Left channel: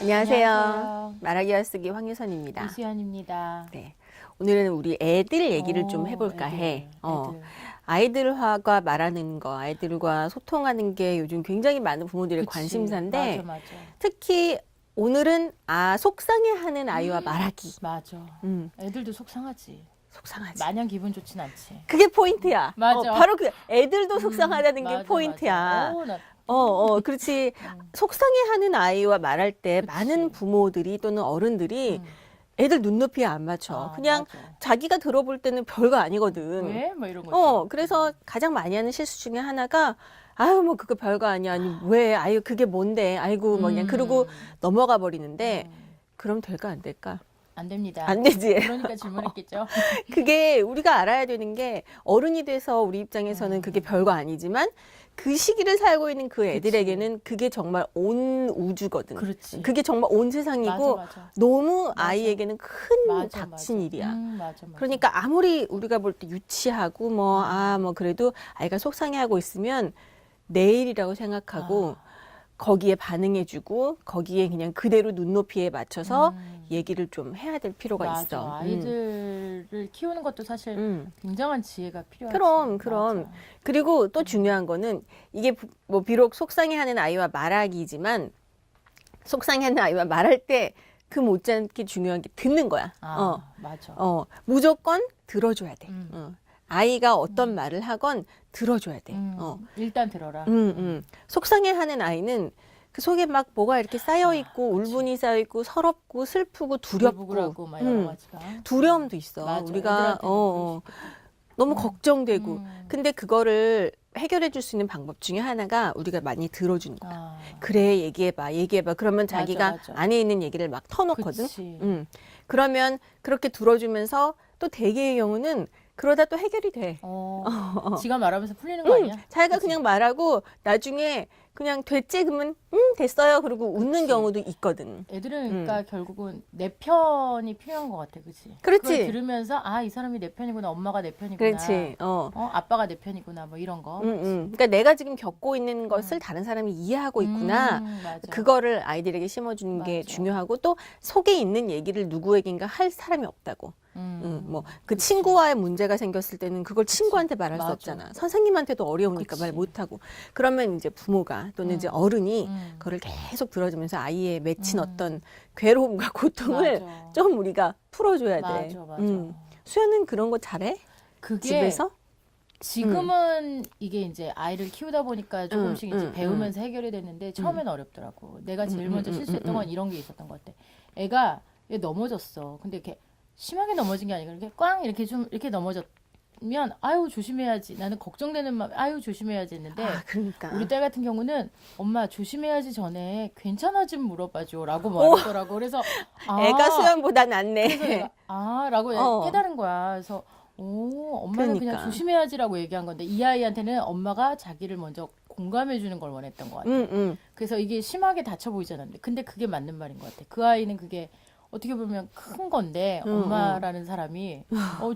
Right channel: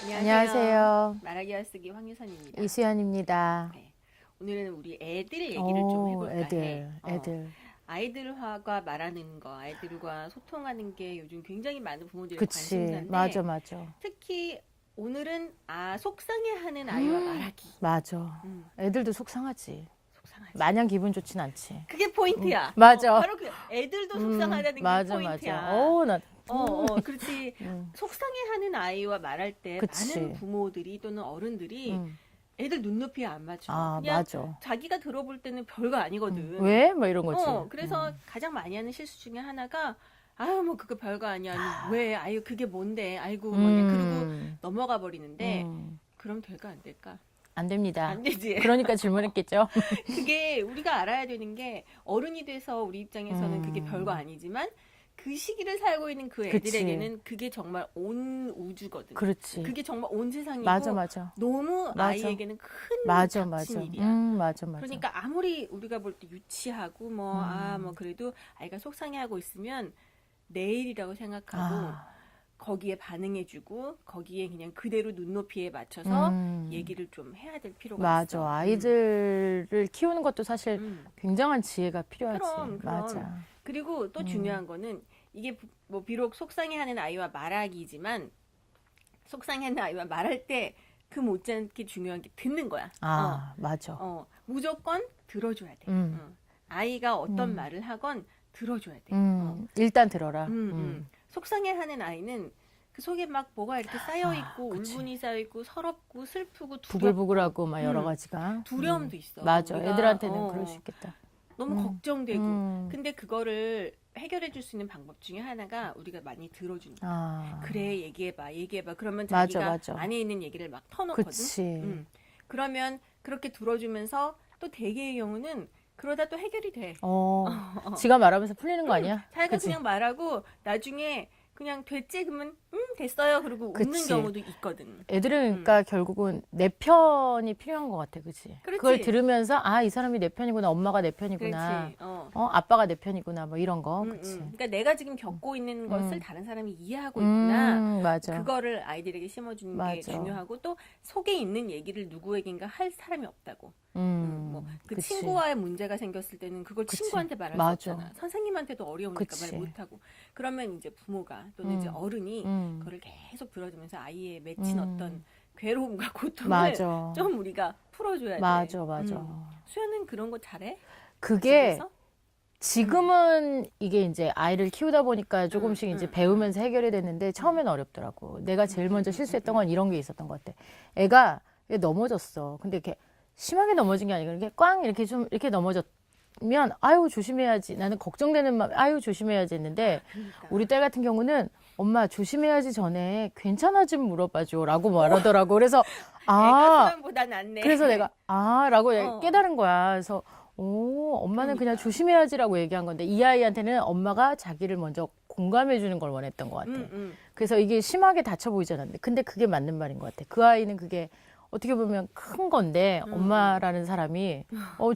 안녕하세요. 말하기 알쓰기 황유선입니다. 이수연입니다. 네. 오늘은 우리 애들 얘기를 좀 해볼까 해. 아이들과 말하는 거, 아이들과 소통하는 게 요즘 굉장히 많은 부모들의 그치. 관심사인데 맞아. 특히 오늘은 속상해하는 아이와 말하기. 맞아. 애들도 속상하지. 속상하지. 마냥 기분 좋진 않지. 그게 포인트야. 맞아. 바로 그 애들도 속상하다는 게 포인트야. 맞아. 그렇지. 속상해하는 아이와 말할 때 그치. 많은 부모들이 또는 어른들이 애들 눈높이에 안 맞춰. 그냥 맞아. 자기가 들어볼 때는 별거 아니거든. 왜? 뭐 이런 거지. 그래서 가장 많이 하는 실수 중에 하나가 아유 뭐 그거 별거 아니야. 아니 왜? 아유 그게 뭔데? 아이고 뭐 그냥 그러고 넘어가 버리는데 그럼 될까 안 될까? 안 됩니다. 안 되지. 그러니까 질문했겠죠. 그게 우리가 알아야 되는 게 어른이 돼서 우리 입장에서는 그게 별거 아니지만 그 시기를 살고 있는 그 애들에게는 그게 정말 온 우주거든. 그렇지. 그게 정말 온 세상이고 맞아. 너무 아이에게는 큰 닥친 일이야. 맞아. 그러니까 아무리 우리가 볼 때 유치하고 뭐 그래도 아이가 속상해하고 있으면 내일이라고 생각하고 거기에 반응해주고 거기에 그냥 그대로 눈높이에 맞춰서 얘기를 좀 해야 될 필요가 있어. 아이들을 키우는 것도 사실 굉장한 지혜가 필요하지. 그럼. 맞아. 그리고 또 중요한 거는 이게 뭐 비록 속상해하는 아이와 말하기지만 속상해하는 아이와 말할 때 그 못지않게 중요한 게 듣는 거야. 맞아. 무조건 들어줘야 돼. 아이가 어떤 말을 하건 들어줘야 돼. 일단 들어라. 속상해하는 아이는 그 속에 막 뭐가 이렇게 쌓여 있고 울분이 쌓여 있고 서럽고 슬프고 두렵고 불부글하고 막 여러 가지가 두려움도 있어. 맞아. 우리가 애들한테는 그럴 수 있겠다. 너무 걱정되고 근데 그거를 해결해 줄 수 있는 방법 중에 하나가 우리가 많이 들어주는 거야. 그래 얘기해봐. 그러면 자기가 맞아. 안에 있는 얘기를 막 터놓거든. 그치. 그러면 그렇게 들어주면서 또 대개의 경우는 그러다 또 해결이 돼. 지가 말하면서 풀리는 거 아니야? 자기가 그치? 그냥 말하고 나중에 그냥 됐지 그러면 됐어요. 그리고 웃는 그치. 경우도 있거든. 애들은 그러니까 결국은 내 편이 필요한 것 같아, 그치? 그렇지. 그걸 들으면서 이 사람이 내 편이구나, 엄마가 내 편이구나, 그렇지. 아빠가 내 편이구나, 뭐 이런 거. 그러니까 내가 지금 겪고 있는 것을 다른 사람이 이해하고 있구나. 맞아. 그거를 아이들에게 심어주는 게 맞아. 중요하고 또 속에 있는 얘기를 누구에겐가 할 사람이 없다고. 뭐 그 그치. 친구와의 문제가 생겼을 때는 그걸 친구한테 말할 수 맞아. 없잖아. 선생님한테도 어려우니까 그치. 말 못하고. 그러면 이제 부모가 또는 이제 어른이 그거를 계속 들어주면서 아이의 맺힌 어떤 괴로움과 고통을 맞아. 좀 우리가 풀어줘야 돼. 맞아. 수연은 그런 거 잘해? 그게 집에서? 지금은 이게 이제 아이를 키우다 보니까 조금씩 이제 배우면서 해결이 됐는데 처음엔 어렵더라고. 내가 제일 먼저 실수했던 건 이런 게 있었던 것 같아. 애가 넘어졌어. 근데 이렇게 심하게 넘어진 게 아니고 이렇게 꽝 이렇게 좀 이렇게 넘어졌면 아유 조심해야지. 나는 걱정되는 마음 아유 조심해야지 했는데 그러니까. 우리 딸 같은 경우는 엄마 조심해야지 전에 괜찮아 좀 물어봐줘라고 말하더라고. 그래서 애가 수연보다 낫네. 그래서 내가 라고 깨달은 거야. 그래서 엄마는 그러니까. 그냥 조심해야지라고 얘기한 건데 이 아이한테는 엄마가 자기를 먼저 공감해 주는 걸 원했던 것 같아. 그래서 이게 심하게 다쳐 보이지 않았는데 근데 그게 맞는 말인 것 같아. 그 아이는 그게 어떻게 보면 큰 건데 엄마라는 사람이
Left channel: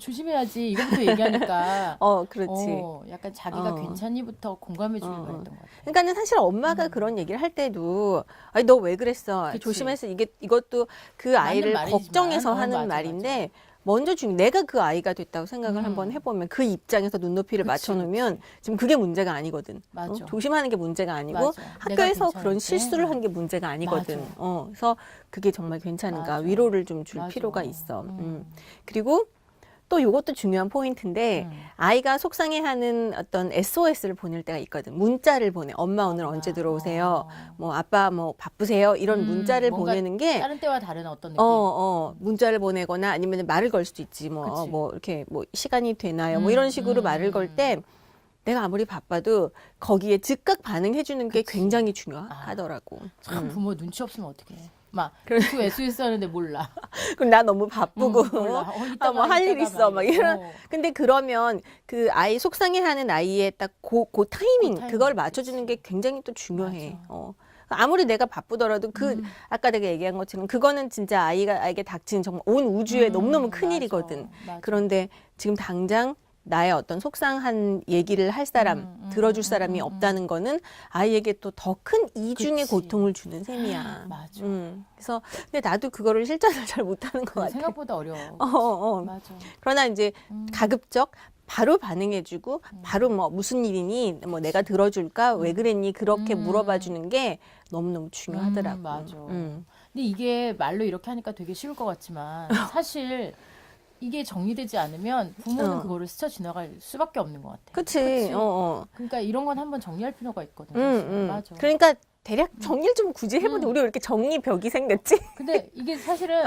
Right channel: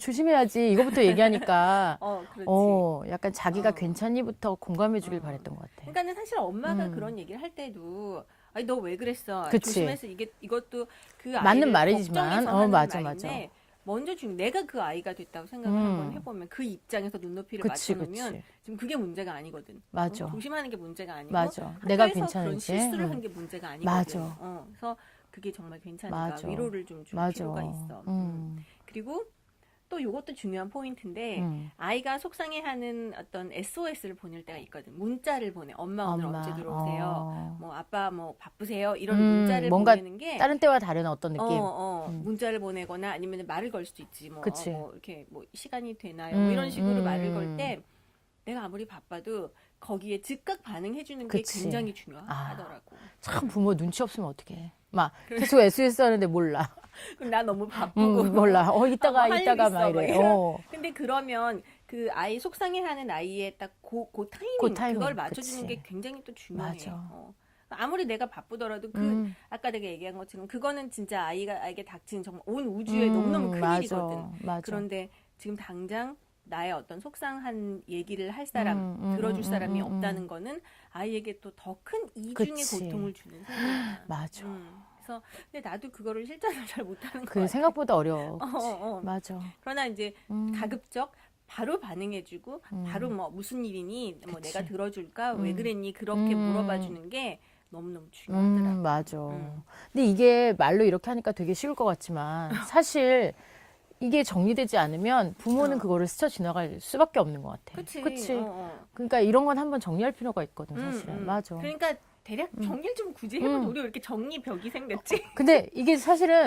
조심해야지 이거부터 얘기하니까 그렇지. 약간 자기가 괜찮니부터 공감해 주길 바랬던 것 같아. 그러니까는 사실 엄마가 그런 얘기를 할 때도 아니 너 왜 그랬어? 그치. 조심해서 이것도 그 아이를 말이지만. 걱정해서 하는 맞아. 말인데 먼저 내가 그 아이가 됐다고 생각을 한번 해보면 그 입장에서 눈높이를 맞춰놓으면 지금 그게 문제가 아니거든. 맞아. 조심하는 게 문제가 아니고 맞아. 내가 학교에서 그런 괜찮은지. 실수를 한 게 문제가 아니거든. 맞아. 그래서 그게 정말 괜찮은가 맞아. 위로를 좀 줄 맞아. 필요가 있어. 그리고 또 이것도 중요한 포인트인데 아이가 속상해하는 어떤 SOS를 보낼 때가 있거든. 문자를 보내. 엄마 오늘 언제 들어오세요? 뭐 아빠 뭐 바쁘세요? 이런 문자를 뭔가 보내는 게 다른 때와 다른 어떤 느낌. 문자를 보내거나 아니면 말을 걸 수도 있지. 그치. 뭐 이렇게 뭐 시간이 되나요? 뭐 이런 식으로 말을 걸 때 내가 아무리 바빠도 거기에 즉각 반응해 주는 게 그치. 굉장히 중요하더라고. 참 부모 눈치 없으면 어떡해. 막 계속 SOS 하는데 몰라. 그럼 나 너무 바쁘고 몰라. 이따가 할 일 이따가 있어. 막 이래. 이런. 근데 그러면 그 아이 속상해하는 아이의 딱 그 타이밍 그걸 맞춰주는 그치. 게 굉장히 또 중요해. 맞아. 아무리 내가 바쁘더라도 아까 내가 얘기한 것처럼 그거는 진짜 아이에게 닥친 정말 온 우주에 너무너무 큰 일이거든. 맞아. 그런데 지금 당장 나의 어떤 속상한 얘기를 할 사람, 들어줄 사람이 없다는 거는 아이에게 또 더 큰 이중의 그치. 고통을 주는 셈이야. 맞아. 그래서 근데 나도 그거를 실천을 잘 못하는 것 그래, 같아. 생각보다 어려워. 맞아. 그러나 이제 가급적 바로 반응해주고 바로 뭐 무슨 일이니, 뭐 내가 들어줄까, 왜 그랬니, 그렇게 물어봐주는 게 너무너무 중요하더라고. 맞아. 근데 이게 말로 이렇게 하니까 되게 쉬울 것 같지만 사실 이게 정리되지 않으면 부모는 그거를 스쳐 지나갈 수밖에 없는 것 같아. 그치. 그러니까 이런 건 한번 정리할 필요가 있거든. 사실. 맞아. 그러니까 대략 정리를 좀 굳이 해보자. 우리가 이렇게 정리벽이 생겼지? 근데 이게 사실은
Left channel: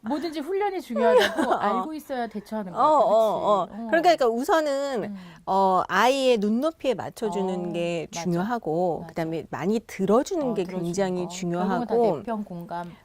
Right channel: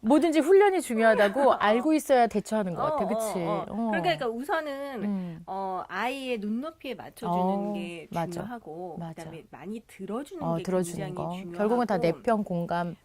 뭐든지 훈련이 중요하다고 알고 있어야 대처하는 것 같아. 그치? 그러니까 우선은 아이의 눈높이에 맞춰주는 게 맞아. 중요하고 맞아. 그다음에 많이 들어주는 게 들어주는 굉장히 거. 중요하고 결국은 다 내평 공감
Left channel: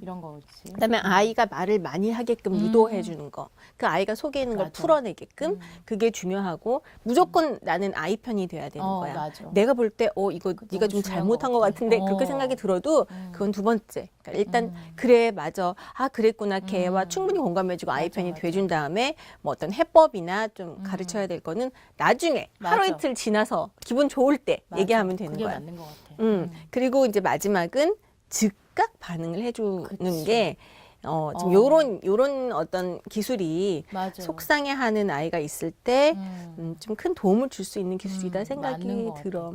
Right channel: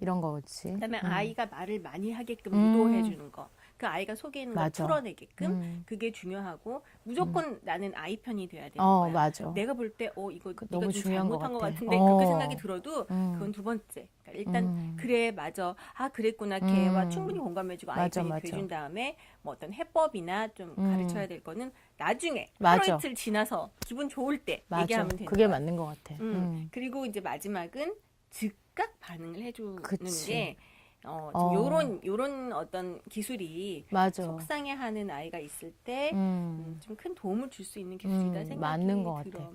이런 거지. 그다음에 아이가 말을 많이 하게끔 유도해 주는 거. 그 아이가 속에 있는 걸 맞아. 풀어내게끔 그게 중요하고 무조건 나는 아이 편이 돼야 되는 거야. 맞아. 내가 볼 때 이거 네가 좀 중요한 잘못한 것 것 같아. 같은데 그렇게 생각이 들어도 그건 두 번째. 그러니까 일단 그래 맞아. 아 그랬구나. 걔와 충분히 공감해 주고 아이 맞아, 편이 맞아. 돼 준 다음에 뭐 어떤 해법이나 좀 가르쳐야 될 거는 나중에 하루 맞아. 이틀 지나서 기분 좋을 때 맞아. 얘기하면 되는 그게 거야. 맞는 것 같아. 그리고 이제 마지막은 즉각 반응을 해주는 그치. 게 좀 요런 어떤 기술이 맞아. 속상해하는 아이가 있을 때 좀 큰 도움을 줄 수 있는 기술이다 생각이 맞는 것 들어.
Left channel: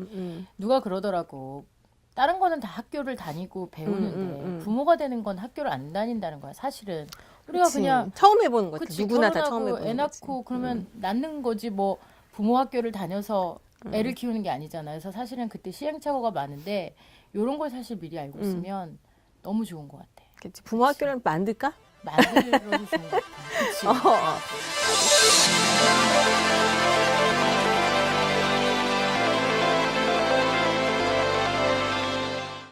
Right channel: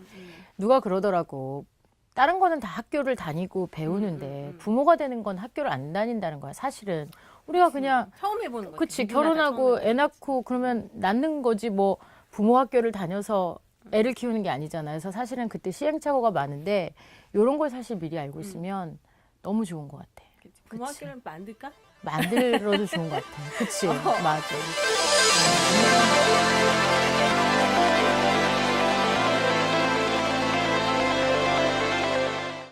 누가 그러더라고. 다른 거는 다 학교를 다니고 배우는데 부모가 되는 건 학교를 안 다닌다는 거야. 사실은 우리가 그치. 그냥 처음 해보는 거지. 그치 누구나 다 처음 결혼하고 해보는 애 거지. 낳고 그러면 낳는 거지 뭐 부모 학교를 다녀서 애를 키우는 게 아니잖아요. 그래서 사실은 그때 시행착오가 많은데 이런 걸 사실 미리 알고 있으면 너무 좋은 것 같아. 그치. 부모 학교를 만들까? 만들어도 좋은 것 같아. 그치? 맞아.